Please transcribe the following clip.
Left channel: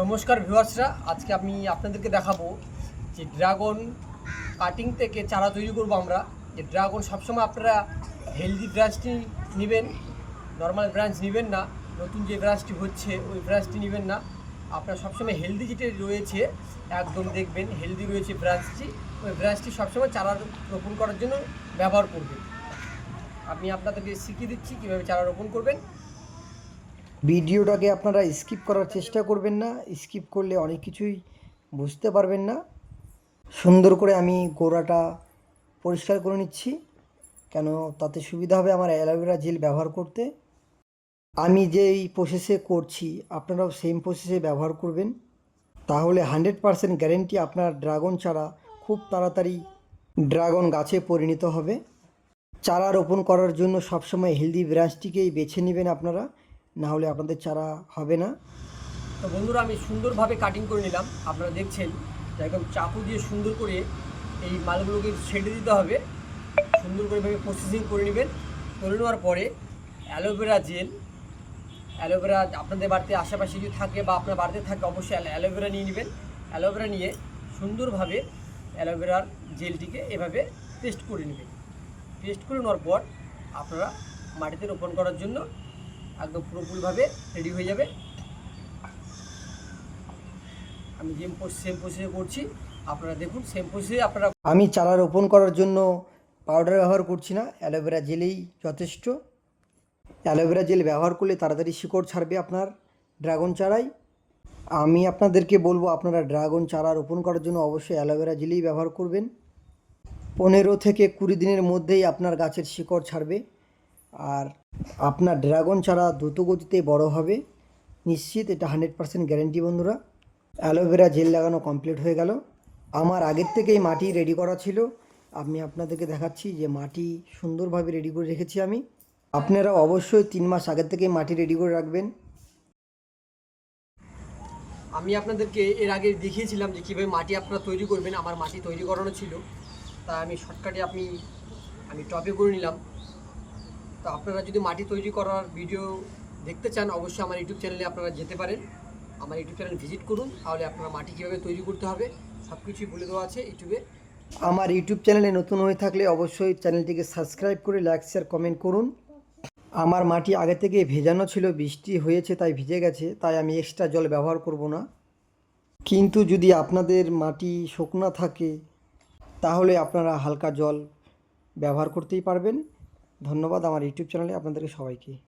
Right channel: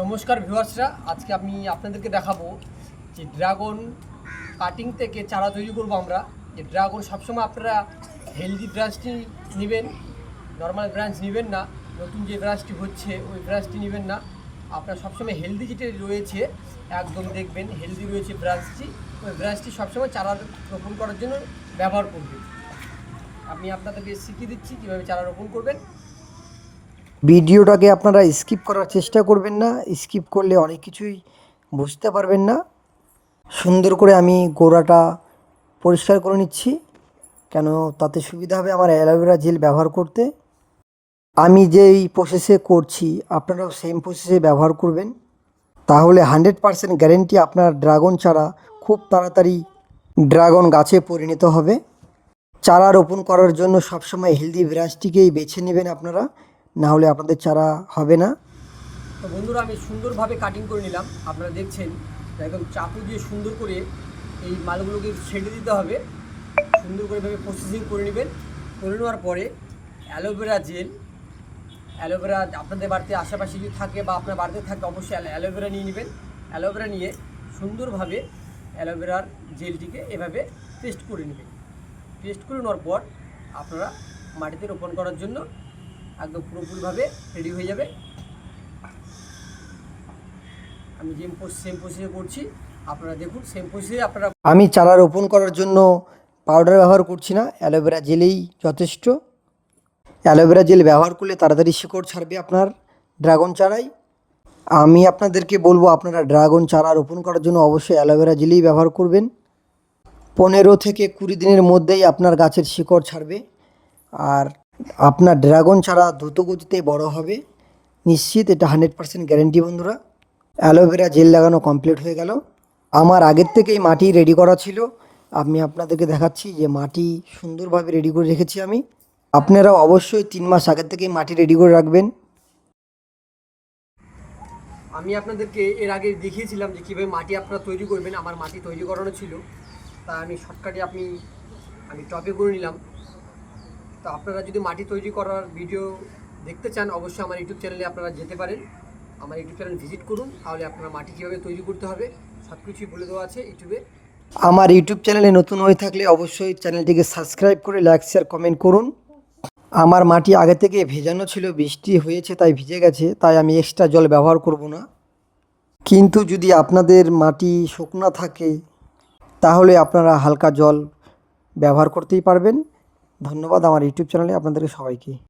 নমস্কার ভিউয়ার্সরা, আজকে আমি আপনাদেরকে দেখাবো যে ড্রাগন কাটিং থেকে চারা তৈরি করব আমরা। যে ড্রাগন সবসময় আপনারা হেলদি ব্রাঞ্চটি নেবেন নর্মাল ব্রাঞ্চ নেবেন না, নতুন যে ব্রাঞ্চটি হচ্ছে ওই ব্রাঞ্চটি নেবেন না। আপনারা সবসময় হেলদি যেটা রয়েছে, একদম দেখবেন হেলদি রয়েছে ব্রাঞ্চটি ওই ব্রাঞ্চটি সবসময় চারা রোপণ করার জন্য ব্যবহার করবেন। আমি আপনাদেরকে শিখিয়ে দিচ্ছি কীভাবে চারা রোপণ করবেন। ভিডিওটাকে আপনারা স্কিপ করার চেষ্টা করবেন না, স্কিপ করলে অনেক কিছুই বুঝতে পারবেন না। সুন্দর করে আমি গোড়াটা পরিষ্কার করে নিচ্ছি, কেন তাতে সুবিধা হবে আমার অ্যালোভেরা জেল ব্যবহার করতে। আমি যেই প্রসেসে করছি, আপনারাও সেম প্রসেসে ব্যবহার করবেন। তাহলে হান্ড্রেড পারসেন্ট গ্যারেন্টি আপনার ড্রাগন চারা খুব তাড়াতাড়ি ড্রাগন গাছে পরিণত হবে। চারা রোপণ করার জন্য সবসময় হেলদি ব্রাঞ্চটিকেই বেছে নেবেন আপনারা। না হলে আপনাদের চারা হবে না। তো বন্ধুরা, আমি সুন্দরভাবে কাটিং করে নিলাম। আপনারা দেখছেন একদম চাকু দিয়ে সুন্দর করে এই মালগুলোকে ছেড়ে দিতে হবে। সুন্দর করে ভাবে প্রসেসিং করে নেবেন। করে নেওয়ার পরে অ্যালোভেরা জেল অ্যালোভেরা আপনাদের বাড়িতে আশেপাশে যদি থাকে বা আপনার বাড়িতে থাকে, অবশ্যই অ্যালো- অ্যালোভেরা নিয়ে নেবেন। অ্যালোভেরা নিয়ে সুন্দরভাবে অ্যালোভেরার জেলটিকে এভাবে পেস্ট করে নেবেন। পেস্ট করে নেওয়ার পর আপনারা মাটিতে রোপণ করার জন্য একদম পুরোপুরিভাবে রেডি হয়ে যাবে। আমি যে সেম প্রসেসে করছি। আপনারা দেখুন সেম প্রসেসে আপনারা আমি চারা রোপণ করার জন্য পাউডার ব্যবহার করছি না অ্যালোভেরা জেলেই যথেষ্ট। অ্যালোভেরা জেল ব্যবহার করলে তাড়াতাড়ি শিকড় ছাড়বে আপনার ড্রাগন চারাই। আমি আপনাদেরকে বলব, আপনারা ড্রাগন চারা রোপণ করার জন্য অবশ্যই অ্যালোভেরা জেলেই ব্যবহার করবেন। পনেরো থেকে কুড়ি দিনের মধ্যেই আপনার গাছের শিকড় ছাড়বে। আর আপনার ড্রাগন ছাড়া দ্রুত গতিতে বড় হবে। নিশ্চিত এটা হান্ড্রেড পার্সেন্ট গ্যারেন্টি বন্ধুরা। অ্যালোভেরা জেল লাগানো কমপ্লিট হয়ে গেল। আমার আগের থেকেই মাটি রেডি করা ছিল। আমি আপনাদেরকে দেখাচ্ছি যে মাটি সুন্দরভাবে রেডি করে রেখেছি আমি। আপনারা অবশ্যই তিন মাস আগের থেকেই মাটি রেডি করে রাখবেন। আমি আপনাদেরকে এর আগে দেখিয়েছিলাম যে কীভাবে মাটি আপনারা তৈরি করবেন। আমার মাটি তৈরি করানো ছিল। তা আমি শর্টকাটে আপনি, আমি টপে করে নিলাম। তো আপনারা যদি মাটি তৈরি করার ভিডিও দেখতে চান, অবশ্যই আমার ইউটিউব চ্যানেলে আপনারা যেতে পারেন। আমার ইউটিউব চ্যানেল ভিজিট করুন, তাহলে আপনারা মাটি কীভাবে তৈরি করতে হবে সব কিছুই বলে দেওয়া আছে ইউটিউবে আমার ইউটিউব চ্যানেলে নতুন হয়ে থাকলে অবশ্যই চ্যানেলটিকে সাবস্ক্রাইব করে লাইক শেয়ার কমেন্ট করুন। আমার মাটি আগে থেকে ভেজানো ছিল, বৃষ্টি হয়েছে, তাই ভিজে গেছে, তাই আমি এক্সট্রা জল ব্যবহার করব না। কিন্তু যদি আপনাদের মাটি শুকনা থাকে, তাহলে আপনারা হালকা জল ব্যবহার করতেই পারবেন। ধন্যবাদ আমার ইউটিউব চ্যানেলে আপনাদের সবাইকে।